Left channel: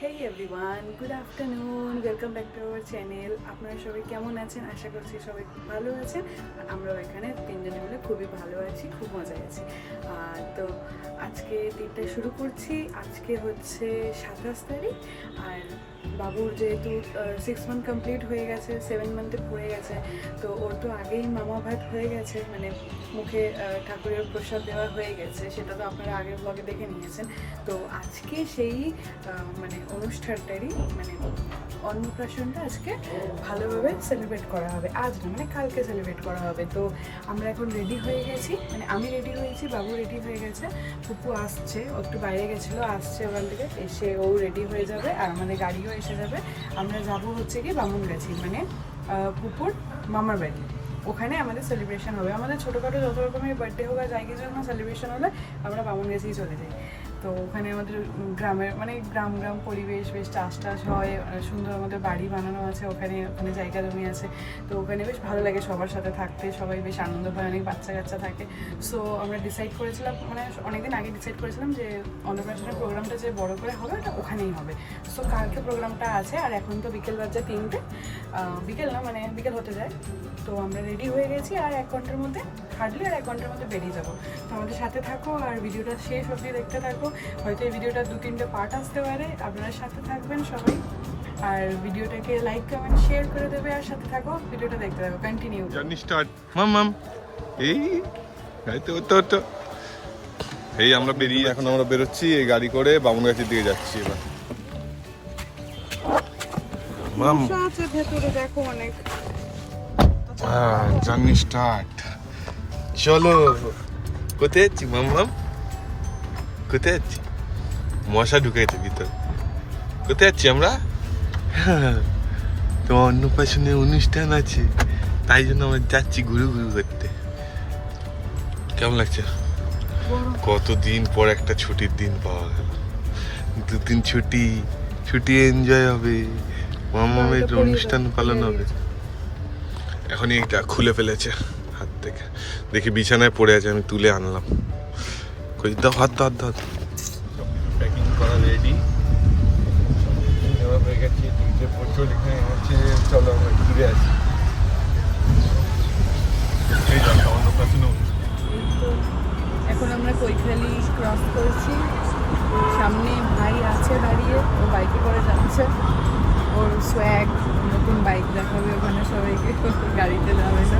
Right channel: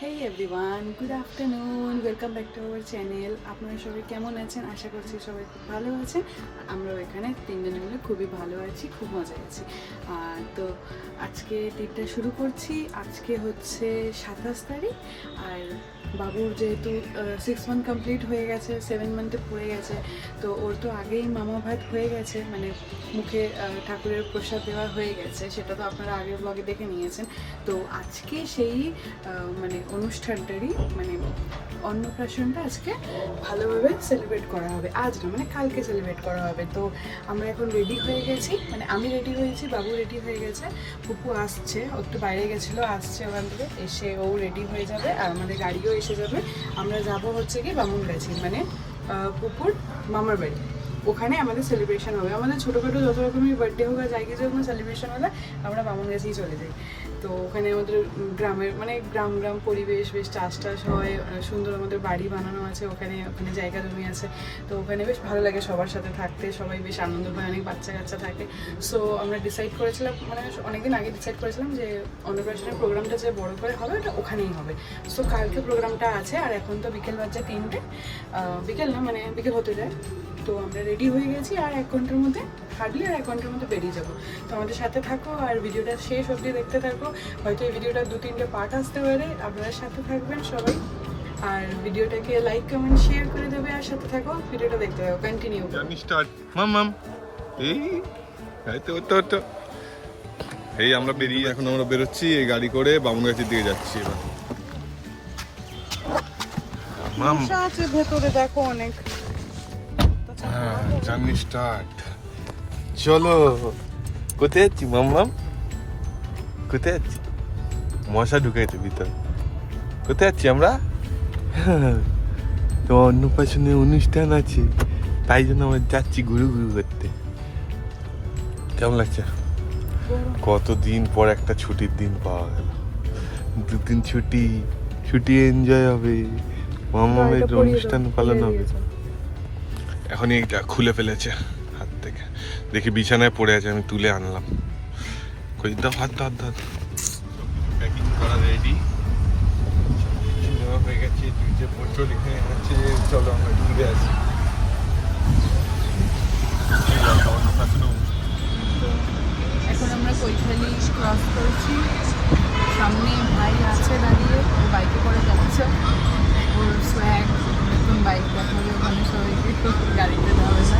Hey everyone, good afternoon, welcome back to our channel. আপনারা সবাই কেমন আছেন? আশা করছি সবাই খুব ভালো আছেন। আমরাও এখানে তিনজনে মিলে খুবই ভালো আছি, খুব মজা আছি। তো আজকে দিনটা শুরু করছি। আজকে হচ্ছে 27 তারিখ। আর বাবুর যেহেতু 6 মান্থ কমপ্লিট হয়ে গেছে, 7 মান্থে পড়ে গেছে, তো ওর তো আগেই মামা ভাত হয়ে গেছে, মানে মুখে ঠাকুরের প্রসাদ দেওয়া হয়ে গেছে। সেটা তো আপনারা আগের ব্লগে দেখে নিয়েছেন। তো আজকে সেই মানে অনুষ্ঠানটারই মানে অন্নপ্রাশনটা আজকে ভালোভাবে সেলিব্রেট করা হবে। আজ না, মানে কালকে সেলিব্রেট করা হবে। তো আমরা এখন রেডি হয়ে গেছি, মানে আমি রেডি হয়েছি, বাবু রেডি হয়ে গেছে, পুপু আসছে, ও একটু বাইরে গেছিলো, আসছে ওখান থেকে, এসে ও রেডি হয়ে যাবে আর আমাদের গাড়িও এসে যাবে। আমরা যাব হচ্ছে কি বামুনগাছি, মানে পুপুর মামার বাড়ি। ওখানে আমাদের সেলিব্রেশন হবে। আমাদের ছোটোখাটো যত রকমের বার্থডে হোক আর যাই কিছু হোক না, সেলিব্রেশন হলে আমরা বামুনগাছিই চলে যাই। তো ওখানে আমাদের গ্রামের মানে গ্রাম পরিবেশ, বেশ চাষ হয়, সুন্দর আমাদের বাড়ি বানানো আছে, ওখানে জায়গা জমি আছে। তো ওখানে বেশ ভালো লাগে সবার সাথে থাকতে, সবাই বেশ আনন্দ হয়, অনেক বাচ্চা কাচ্চা থাকে। সো আমরা ডিসাইড করেছিলাম, মানে অনেকদিন আগে ডিসাইড করেছিলাম যে অন্নপ্রাশনের প্রোগ্রামটা যে বড় করে হবে ওটা ওখানেই হবে। সো কালকে প্রোগ্রামটা আছে। আর এখন তো বিকেল বাজে 3টে, বিকেল না মানে বিকেল হতে যায়। তো আমরা রেডি হয়ে গেছি, আর 1 ঘন্টার মধ্যে হার্ডলি আর 1 ঘন্টার মধ্যে বেরিয়ে যাবো। তো আমাদের সাথে থাকো আর ভিডিওটা শেষ অবধি দেখতে থাকো। হয়তো এই ভিডিওটা 2-3টে পার্ট আসতে পারে। আপনারা সাথে থাকবেন সবাই, আর ভিডিওটাকে লাইক কমেন্ট শেয়ার করে দেবে, আর সাথে থাকো, ভিডিওটা দেখতে থাকো, কন্টিনিউ। Journey start. মাম এই তো এই আমরা বেরিয়ে এখন আমরা বেরোচ্ছি এই গাড়ি করে বামুনগাছির দিকে যাচ্ছি এবার। মাম আছে ভেতরে, দেখো অনেক। জার্নি স্টার্ট, চলো। কোথায় যাচ্ছি মাম? কোথায় যাচ্ছি? মশা ঢুকেছে ভিতরে। কোথায় যাচ্ছি আমরা? তো অন্নপ্রাশনের অনুষ্ঠান আছে, তাই জন্য আমরা যাচ্ছি ঘুরু করতে। কেমন লাগছে? কতদিন পর একটা ছুটির দিন পাওয়া গেল। 2 দিন ছুটি এনজয় হবে, মামামের অনুষ্ঠান পালন হবে। এখনই এটা খুলে ফেলেছে হাত থেকে, দেখি বিছানায় পড়ে আছে, আমি তুলে আনলাম। কই দাও, হাত প্যাকিং করা রেডি হয়ে গেছে। চলো আমরা ঘুরে আসি। এখন আমরা কৈখালি ক্রস করেছি, সামনে ভাই আছে দাঁড়িয়ে, ওর বাইকে করে যাচ্ছে, ওর সোয়াগ নতুন বাইক দেখাবে ওখানে সবাইকে, গাড়িতে যাবে না,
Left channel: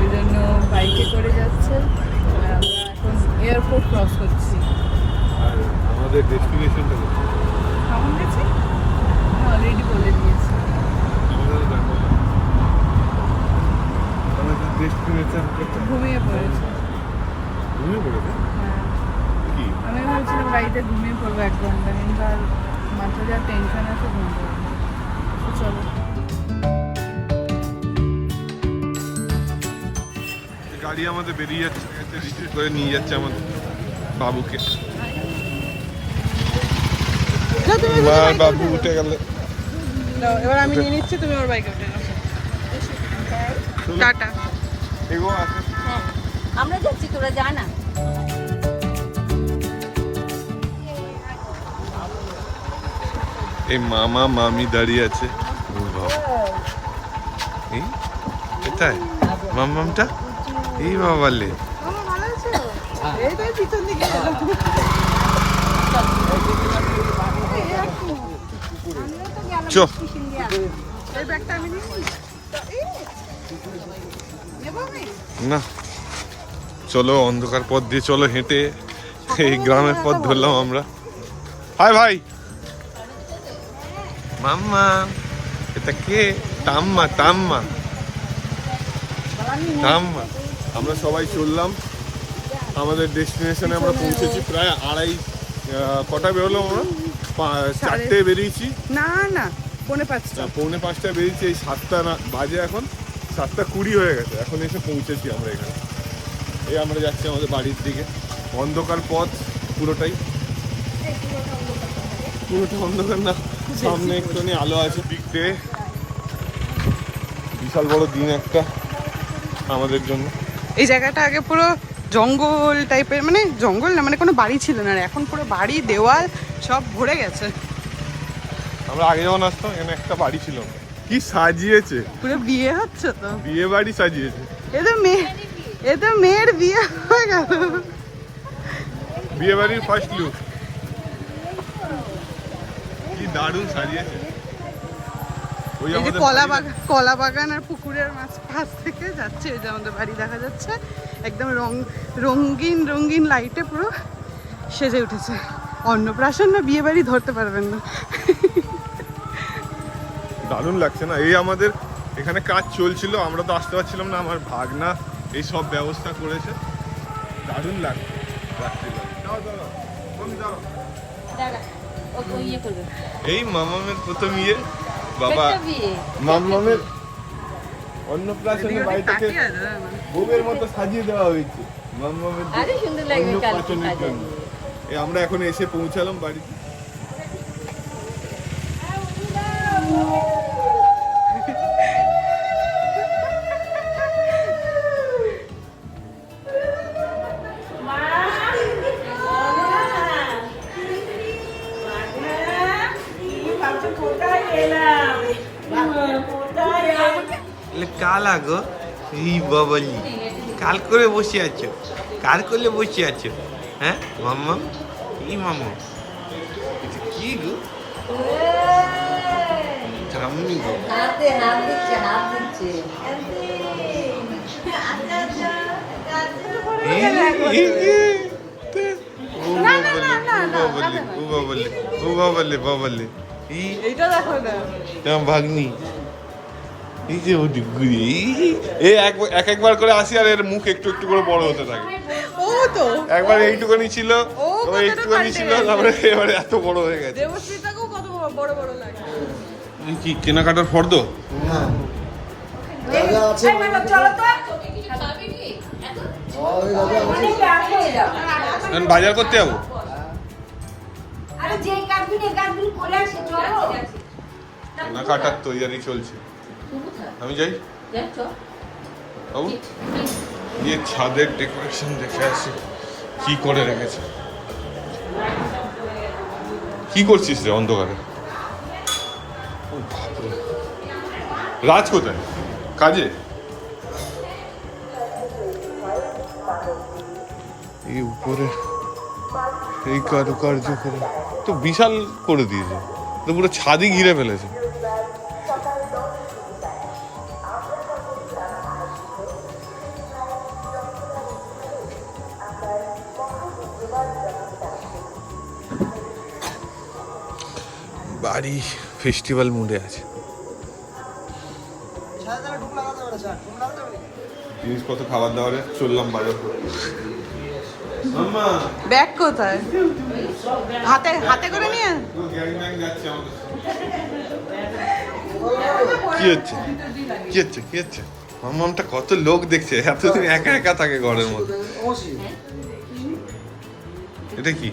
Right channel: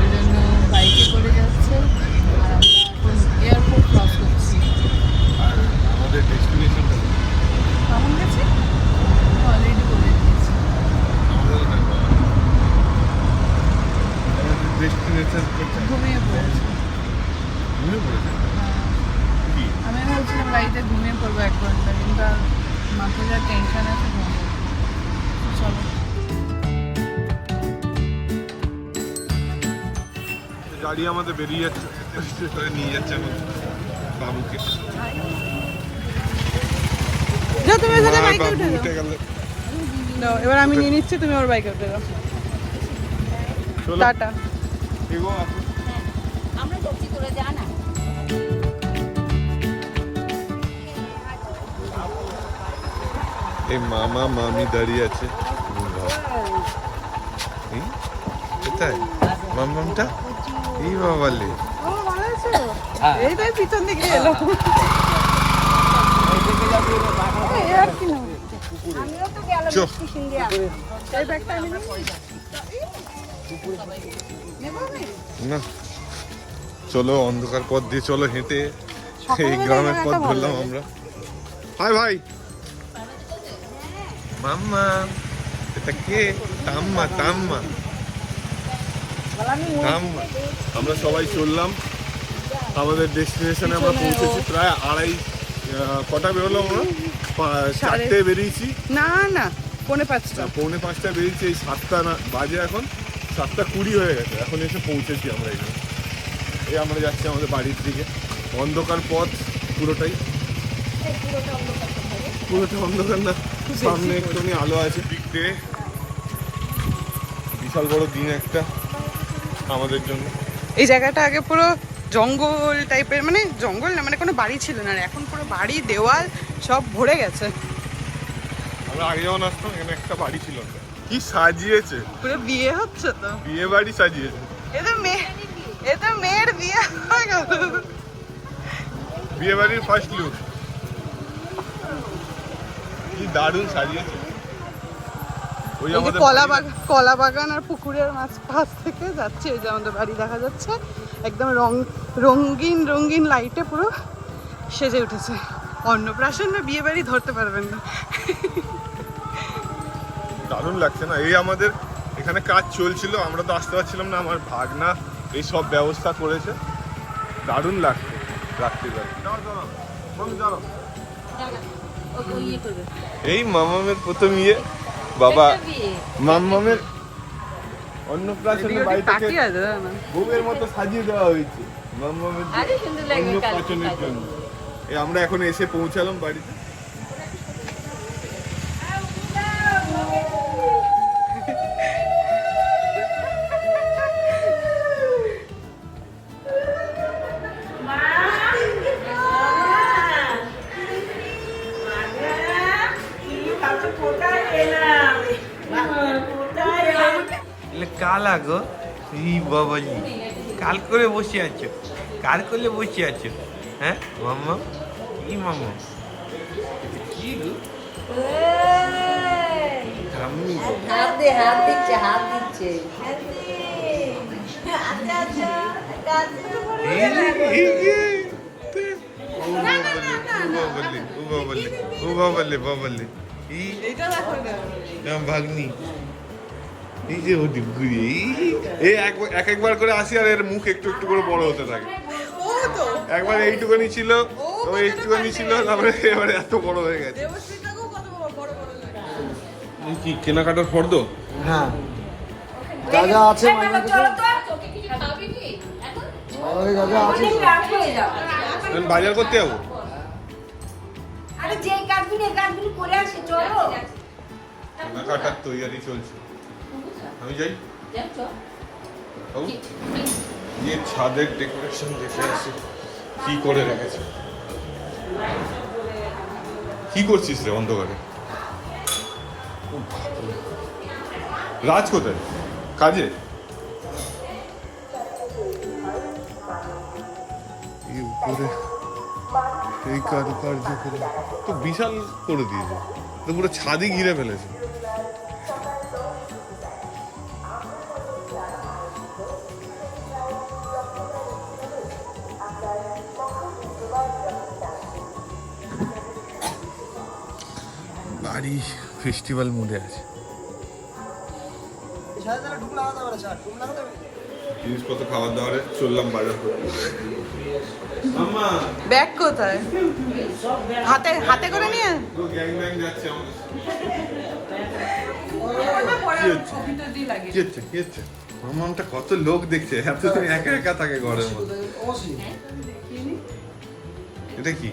ওই জন্য বাইকে করে যাচ্ছে। আর আমরা এখন এয়ারপোর্ট ক্রস করছি। আমাদের ডেস্টিনেশন কেমন গেছি অলরেডি বলে দিয়েছি। ঘুমিয়ে পড়েছে। আমি ভাবছিলাম গাড়িতে ঘুমিয়ে পড়বো 1 ঘন্টা, কিন্তু আর মাথায় যা টেনশন আছে ঘুমিয়ে পড়বো। চলো, গাড়ি আমাদের বেরিয়ে যাচ্ছে, করে নিয়ে যাচ্ছে আমাদের বাবুকে। মার বাবু উঠে গেল। এবার আমি নিয়ে নিচ্ছি, তুমি ওর বাইকে উঠে যাও। টাটা। এগো আছে, আমরা যাচ্ছি, তোরা যা না। এই মামা মামি দাঁড়িয়ে আছে। এই এটাই মামামটা, এই বাবালে এই তাই পিছন দিকে এলো। চো এই ব্যাগটা আমি নেবো আমি। না, চলো অন্ধকার পথ দিয়ে চলো হেঁটে এই গ্রামের পথ ধরলাম আমরা। হাই ভাই মাম্মা, এটা কে? টাম্মা আমরা সবাই চললাম আমাদের ডেস্টিনেশনে। আমরা পৌঁছেছি প্রায় কটা বেরোলাম আমরা? 4টে বেরিয়েছি। না 4:45। 4:45টায় বেরিয়েছি। এই 7টা না বাজে, এখন 7:20 হয়ে গেছে, এখন এসে পৌঁছেছি আমরা এখানে। এই আমরা যাচ্ছি আমাদের বাড়ির দিকে। অন্ধকার পথ পুরোটাই অন্ধকার না, সামনে একটুখানি আলো আছে। দিকতে বিশাল বড় দিন একটা আমাদের জন্য। এই জায়গাটা আগে পুরো জঙ্গল টাইপের, মানে জঙ্গল না, মানে কোনো বাড়ি ছিল না, আর এখন পুরো বাড়ি দেওয়াল সব ভরে গেছে। আমরা আগে যখন আসতাম এখানে একটা বাড়ি ছিল, কি সাজিয়েছে, পুরো বিয়ে হচ্ছে তো, বিয়ে বাড়ি সাজিয়েছে। এদের মেয়ের বিয়ে হয়ে গেল। বিয়ে বাড়ির ফার্স্ট লুক, কি দারুণ সাজিয়েছে। ওই এই যে আমাদের কলা বাগান আর পুকুরের পাশ থেকে যাচ্ছে, এই যে আমাদের বাড়ি দেখা যাচ্ছে, একদম রঙিন রঙিন লাইটে পুরো সেজে উঠেছে। অন্নপ্রাশন না বিয়ে বাড়ি ধরতে পারবেন না। দারুণ লাগছে না? এই আমাদের এখানে কাজ চলছিল, আমরা তো আসতে পারছিলাম না, আমার ভাগনা এই সব ব্যবস্থা করেছে। দারুণ লাগছে রাত্রি। এই মামামের প্রথম ইয়ে, বাবা মামামের অন্নপ্রাশনের বাড়ি থেকে বউয়ের মতো সাজিয়ে দেওয়া হয়েছে মামামের অন্নপ্রাশনের জন্য। এই আমরা এখন এসে পৌঁছালাম বাড়িতে। কাল আগো এই বাবালি কাল করে বসে আছো, কার করলে বসে আছো? হ্যাঁ মাম্মা, কি মাম্মা এটা কি গো? ঠাম্মি গো, হাত দিচ্ছে ও বাবালি ও বাবালি ও বাবালি বাবালি ভাগ্নি এই যে ও ডিগুরি এই একবার করে আসি আর এর মুখ একটু একটু করে বড় হতে থাকে। একবার এইটুকুনি ছিল, ও এইটুকুনি ছিল, তারপরে এবারে এত বড় হয়ে গেছে। কি কেনাকাটার ফর্দ? হ্যাঁ এখন বাজার করতে যাবো। কেনাকাটার তৈরি চলছে, আমি যাই। বাবু গিয়ে ছাদের ডেকোরেশন দেখে আসি কি করে রেখেছে। কি করছিস রে অন্ধকারে? ও বাপরে, রাজ কোথায়? কাজে? এই উপরে এই কারুকার্য করে তো বিশাল করে দিয়েছে, তো পুরো ছাদই ঘিরে ফেলেছে। বাড়ি ফেস্টিভ্যাল মুডে আছে। জিনিসপত্র খাবার দাবারে চললাম বাজার করতে। ব্যাগ কোথায়? হাতে করে নিয়ে কি হচ্ছে কি হচ্ছে কি হচ্ছে? মামামটা কত লোক দেখছে, এতদিন একা একা থাকে ঘরের মধ্যে। এটা কি?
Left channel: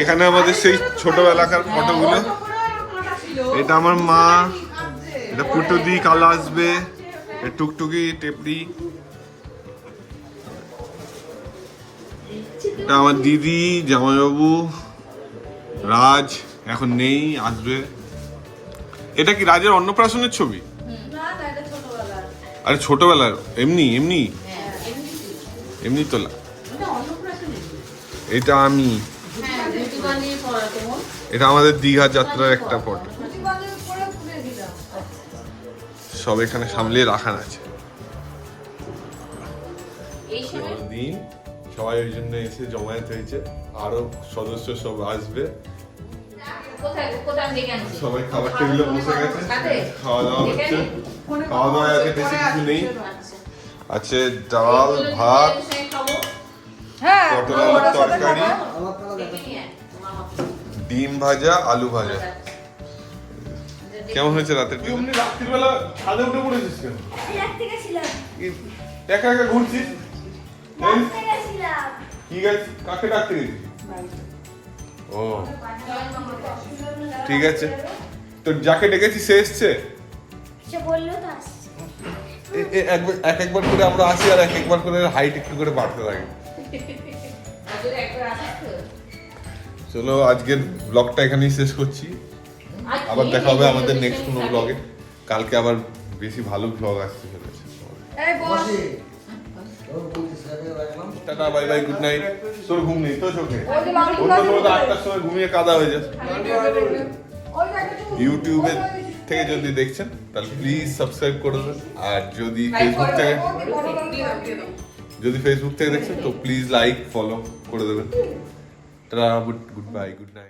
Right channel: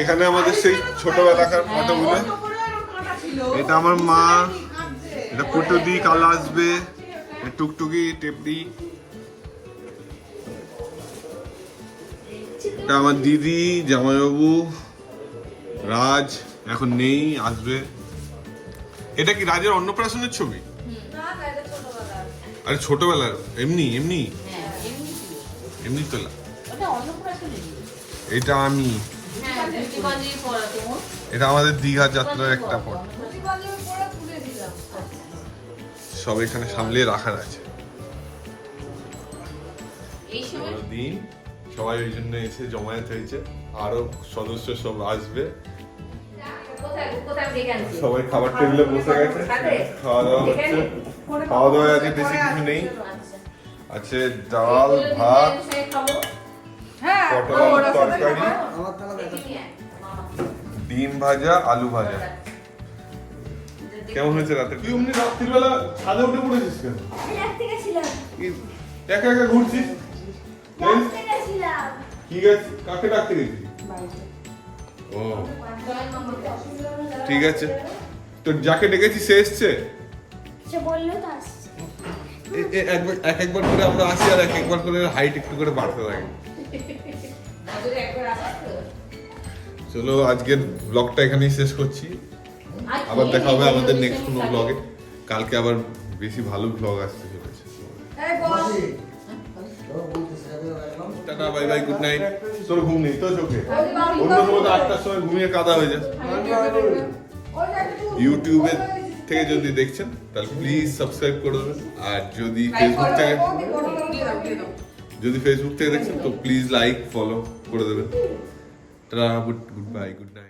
এখানে আমাদের সেই ছোটবেলাকার ফটোগুলো। এটা আমার মা, এটা পুটুদি, কাল আসবে, টুকটুকি, টেপড়ি। এটা আমার দিদি, জামাইবাবু, রাজ এখন নেই, আসবে। এটা কি রাজের অন্নপ্রাশনের ছবি? আরে ছোটবেলার এমনি এমনি এমনি তোলা। এটা আমি, এটা আমাদের দীঘা যাত্রার একটা ফটো। সব এখানে সামলিয়ে রাখার আছে। দিন সবাই ওই জন্য এসে জমায়েত হয়েছে, আরো সদস্য সব আসবে। সবাই খাবার টেবিলে বসে গেছে, খাওয়া দাওয়া হচ্ছে। খাওয়া দাওয়া আছে বেশি কিছু নেই, আছে ডাল, ভাত, পটল আলুর তরকারি, ডিম ভাজা, আলু ভাজা। কেমন হয়েছে রাতের? তুই অমনি রাত্রিবেলা ছাদে উঠে পড়েছিস কেন? একা একা ঘুরছিস? কি গেছিস? কাকে ডাকতে গেছিস? ও ঠিক আছে, তো যাকে ডেকেছি সে এসছে। একবার করে আমরা আসি আর একবার করে হাইট একটু করে বাড়তে থাকে। চলো আজকের ব্লগটা এখানেই শেষ করছি, আবার দেখা হবে আমাদের নেক্সট কোনো ব্লগে। কালকে আবার বেশি ভালো ব্লগ আসতে চলেছে। Tata, bye bye, good night. তোর ঘুম নেই তো চোখে? অন্য সময় তো 8টার সময় ঘুমিয়ে কাদা হয়ে যাস। ইউটিউবে থেকে যদি দেখছেন তাহলে প্লিজ সাবস্ক্রাইব করে দেবেন, আর যদি ফেসবুক থেকে দেখছেন তো প্লিজ লাইক ফলো করে দেবেন। Tata, good bye, good night.